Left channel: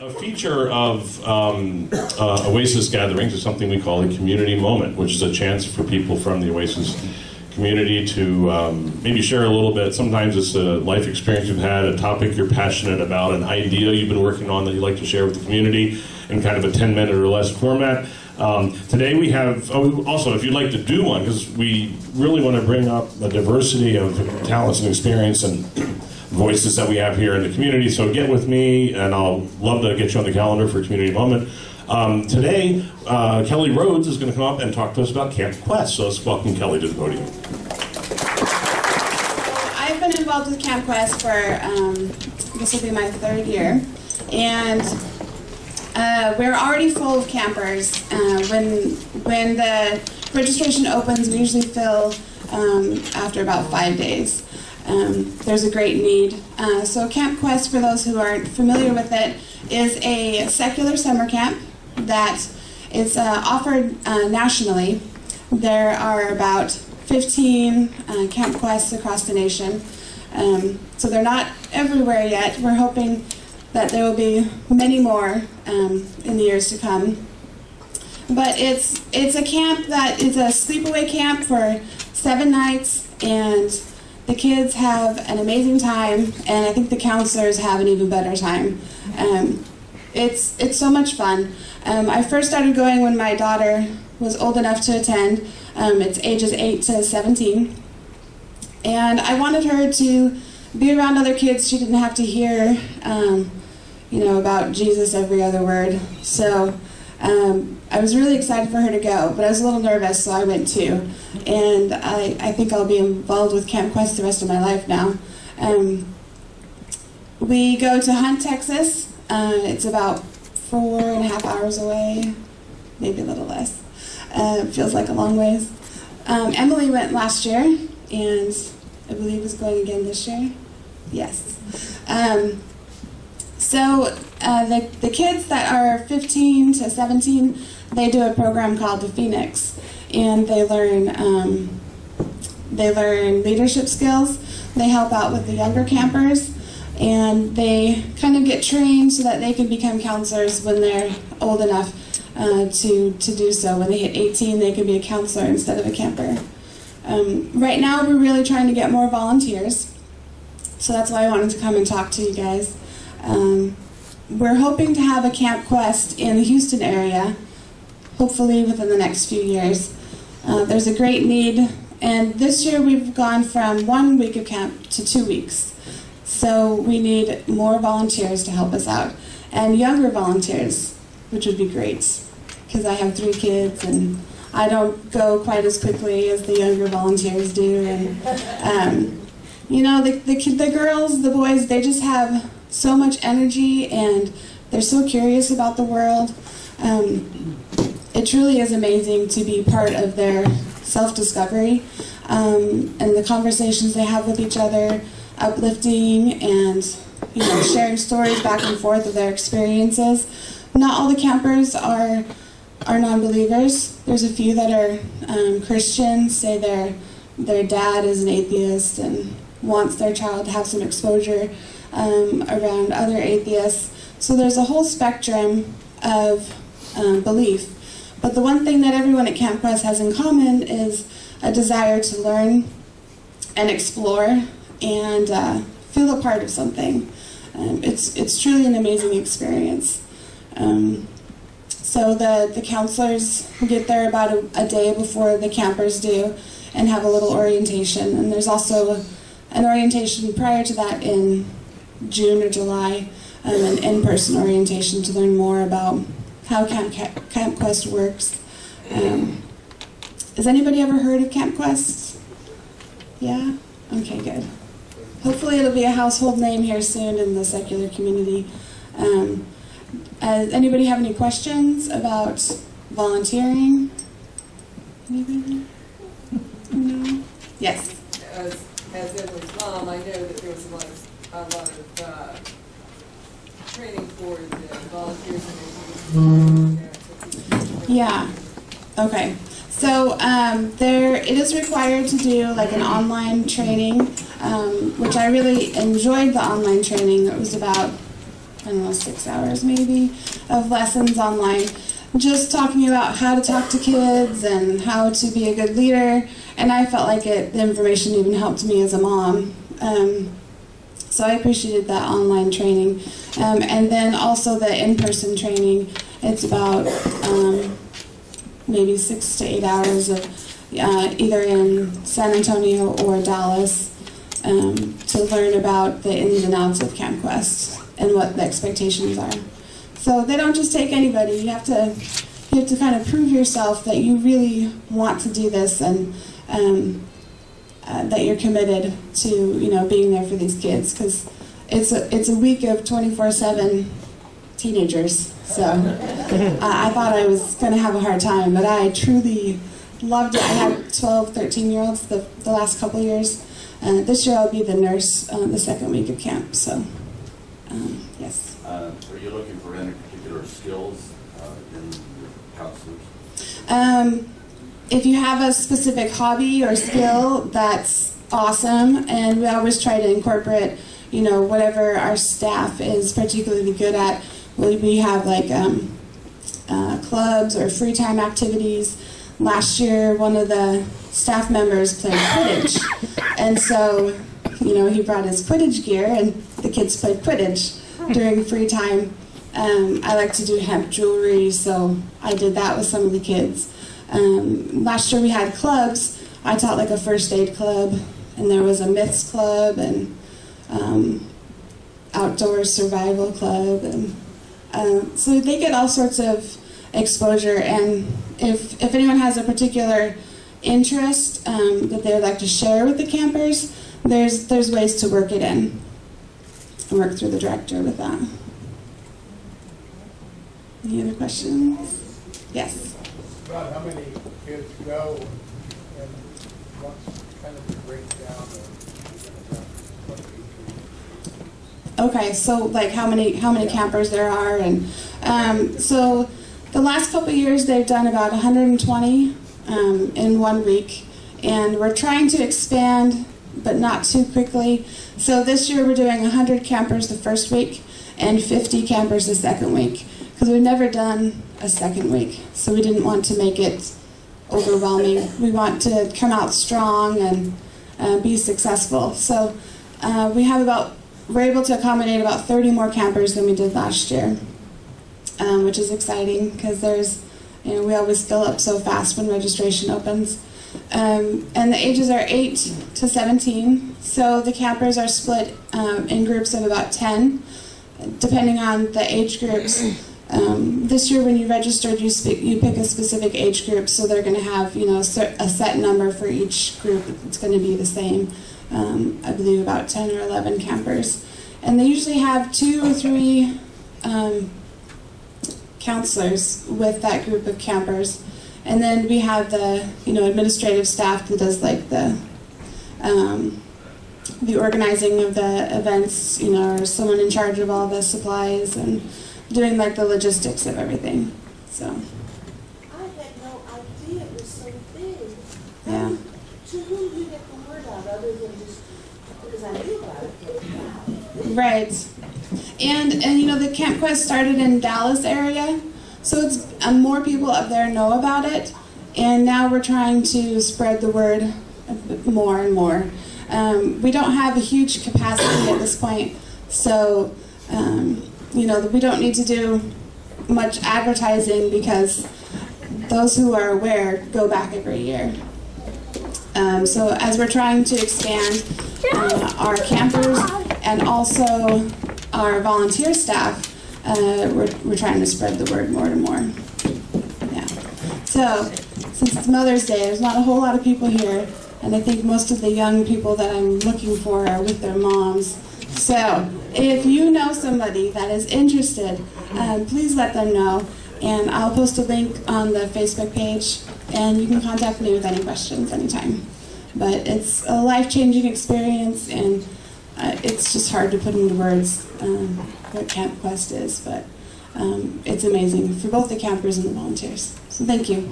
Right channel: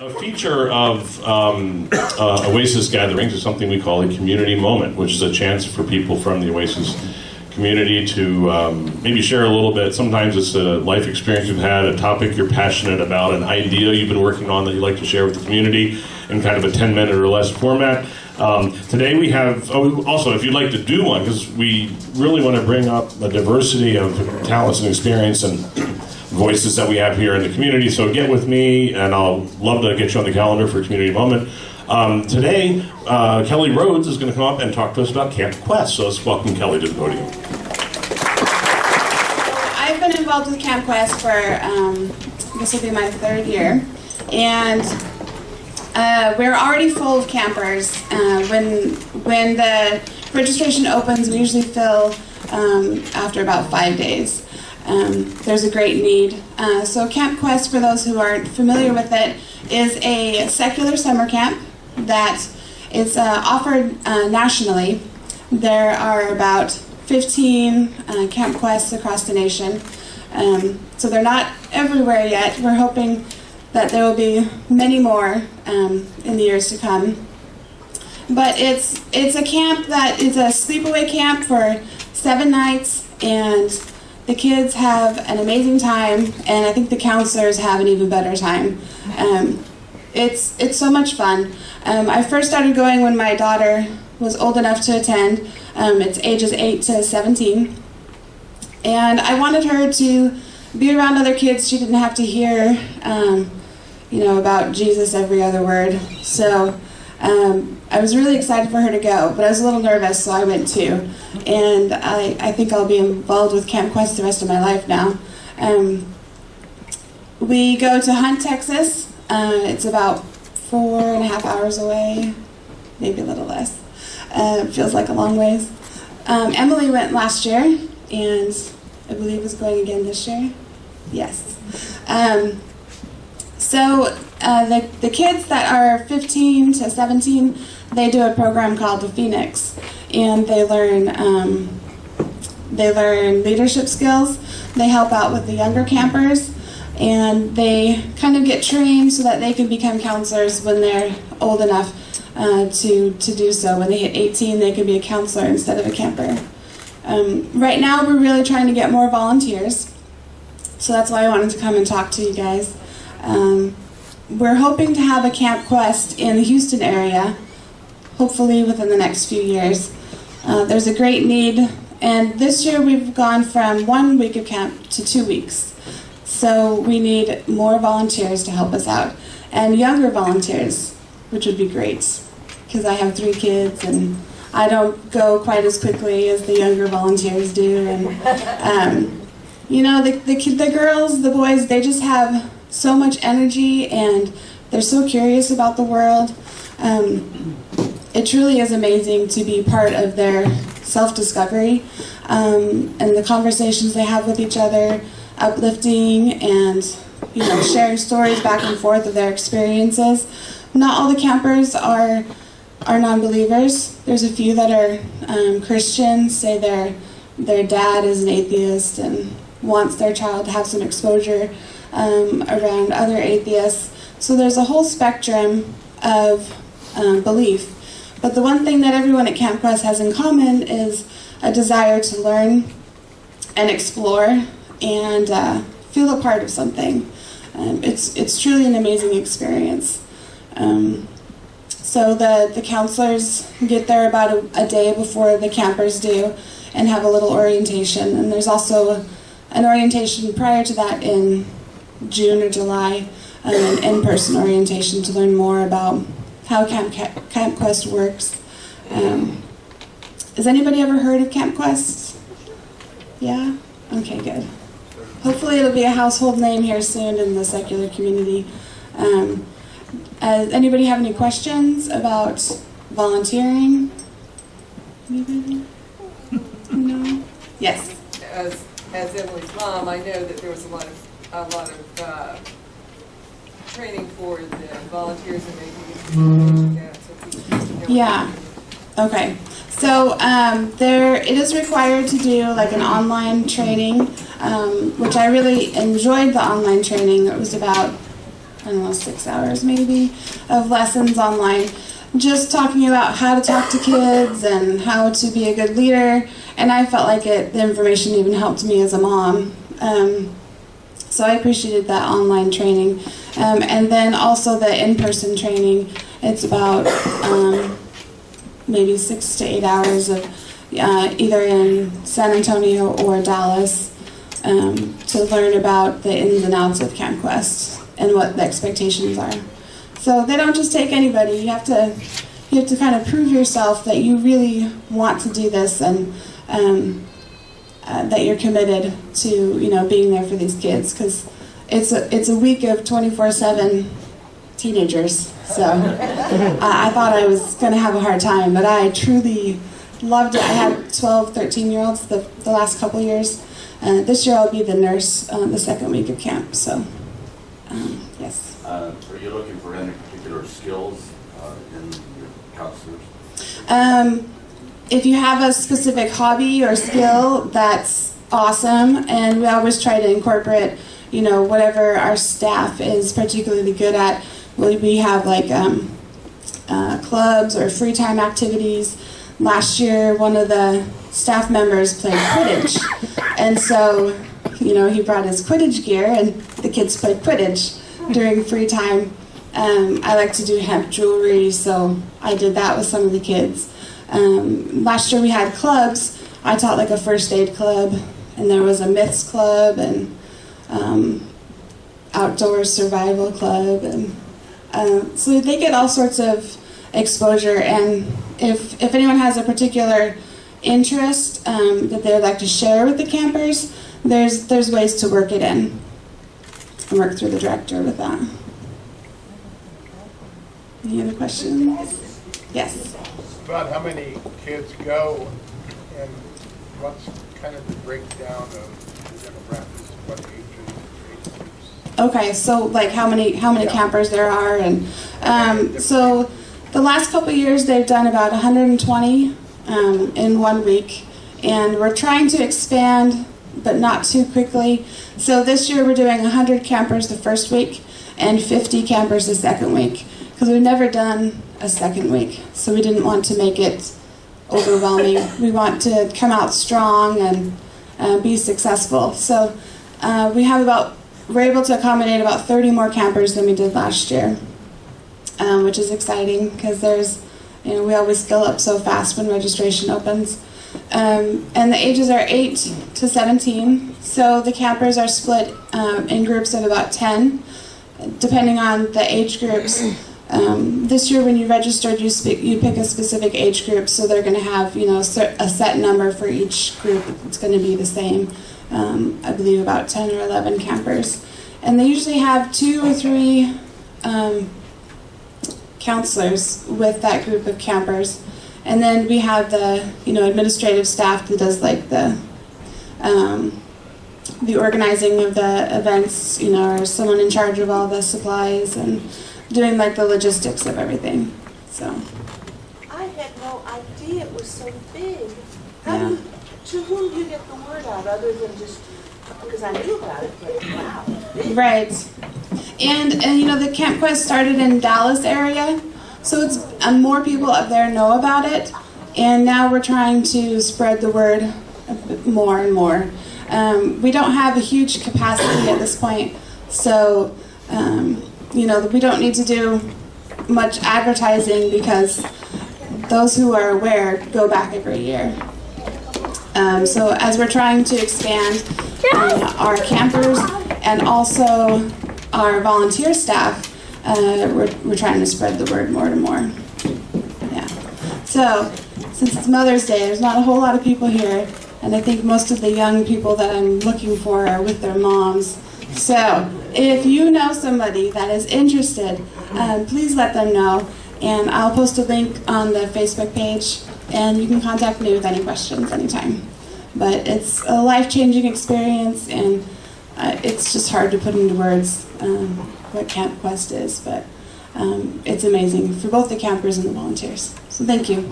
A feature of Oasis gatherings is something we call a community moment, which is a chance for people from the Oasis community to maybe share a little bit. Sometimes it's a life experience you've had, a topic you're passionate about, an idea you've been working on that you'd like to share with the community in kind of a 10-minute or less format. Today we have, also if you'd like to do one, because we really want to bring up a diversity of talents and experience and voices that we have here in the community, so get with me and I'll love to get you on the calendar for a community moment. Today, Kelly Rhodes is going to come up and talk to us about Camp Quest, so let's welcome Kelly to the podium. I've been involved with Camp Quest for, this will be my 3rd year, and we're already full of campers. When the registration opens, we usually fill after about 5 days. There's a great need. So Camp Quest, for those who aren't familiar with it, is a secular summer camp that is offered nationally. There are about 15 Camp Quests across the nation. So they're not everywhere yet. We're hoping that there will be many more in the years to come. But it's a camp that is a sleepaway camp for 7 nights, and the kids have an amazing time, and I think the counselors have an even better time. It's so much fun. I first started going when my daughter was old enough to attend. It's ages 8 to 17. And I wanted her to be around other kids. She didn't have to hear, about Jesus every other word. So I was really excited for her to go, but I was a little nervous, so I went too. And I think I'll be involved with Camp Quest the rest of my life now. We go to Hunt, Texas. It's about 4.5 hours away, maybe a little less. It feels like a long ways. Emily went last year, and I believe is going again this year. Yes. So the kids that are 15 to 17, they do a program called the Phoenix, and they learn leadership skills. They help out with the younger campers, and they kind of get trained so that they can become counselors when they're old enough to do so. When they hit 18, they can be a counselor instead of a camper. Right now, we're really trying to get more volunteers, so that's why I wanted to come and talk to you guys. We're hoping to have a Camp Quest in the Houston area, hopefully within the next few years. There's a great need, and this year we've gone from 1 week of camp to 2 weeks. So we need more volunteers to help us out, and younger volunteers, which would be great, because I have 3 kids and I don't go quite as quickly as the younger volunteers do. And the girls, the boys, they just have so much energy, and they're so curious about the world. It truly is amazing to be part of their self-discovery and the conversations they have with each other, uplifting and sharing stories back and forth of their experiences. Not all the campers are non-believers. There's a few that are Christians, say their dad is an atheist and wants their child to have some exposure around other atheists. So there's a whole spectrum of belief. But the one thing that everyone at Camp Quest has in common is a desire to learn and explore and feel a part of something. It's truly an amazing experience. So the counselors get there about a day before the campers do and have a little orientation. And there's also an orientation prior to that in June or July, an in-person orientation to learn more about how Camp Quest works. Has anybody ever heard of Camp Quest? Yeah? Okay, good. Hopefully it'll be a household name here soon in the secular community. Anybody have any questions about volunteering? Anybody? No? Yes? As Emily's mom, I know that there was a lot of training for the volunteers and maybe. Yeah. Okay. So it is required to do like an online training, which I really enjoyed the online training. It was about I don't know, 6 hours maybe of lessons online, just talking about how to talk to kids and how to be a good leader. And I felt like the information even helped me as a mom. So I appreciated that online training. And then also the in-person training. It's about maybe 6 to 8 hours of either in San Antonio or Dallas to learn about the ins and outs of Camp Quest and what the expectations are. So they don't just take anybody. You have to kind of prove yourself that you really want to do this and that you're committed to being there for these kids, because it's a week of 24/7 teenagers. So I thought I was going to have a hard time, but I truly loved it. I had 12, 13-year-olds the last couple years. This year I'll be the nurse the second week of camp. So yes. Are you looking for any particular skills in your counselors? If you have a specific hobby or skill, that's awesome, and we always try to incorporate, whatever our staff is particularly good at. We have like clubs or free time activities. Last year, one of the staff members played Quidditch, and so he brought his Quidditch gear, and the kids played Quidditch during free time. I like to do hemp jewelry, so I did that with some of the kids. Last year we had clubs. I taught like a first aid club, and there was a myths club, and outdoor survival club, and so they get all sorts of exposure. And if anyone has a particular interest that they'd like to share with the campers, there's ways to work it in and work through the director with that. Any other questions? Yes. About how many kids go, and what's kind of the breakdown of the demographics, what age groups? Okay, so like how many campers there are, and so the last couple of years they've done about 120 in 1 week, and we're trying to expand, but not too quickly. So this year we're doing 100 campers the first week and 50 campers the second week, because we've never done a second week, so we didn't want to make it overwhelming. We want to come out strong and be successful. So we're able to accommodate about 30 more campers than we did last year, which is exciting, because we always fill up so fast when registration opens. And the ages are 8 to 17, so the campers are split in groups of about 10, depending on the age groups. This year when you registered, you pick a specific age group, so they're going to have a set number for each group. It's going to be the same. I believe about 10 or 11 campers, and they usually have 2 or 3 counselors with that group of campers, and then we have the administrative staff that does like the organizing of the events, or someone in charge of all the supplies and doing like the logistics of everything. So I had no idea it was so big. yeah. To whom do you get the word out other than just because I knew about it? But wow. Right. And the Camp Quest started in Dallas area, so it's more people up there know about it, and now we're trying to spread the word more and more. We don't have a huge capacity at this point, so we don't need to do much advertising, because those who are aware go back every year. So as we're trying to expand our campers and also our volunteer staff, we're trying to spread the word more and more. Yeah. So since it's Mother's Day, there's not a whole lot of people here, and I think most of the young people that I'm looking for are with their moms. So if you know somebody that is interested, please let them know, and I'll post a link on the Facebook page, and you can contact me with any questions anytime. But it's a life-changing experience, and it's just hard to put into words what Camp Quest is, but it's amazing for both the campers and the volunteers. So thank you.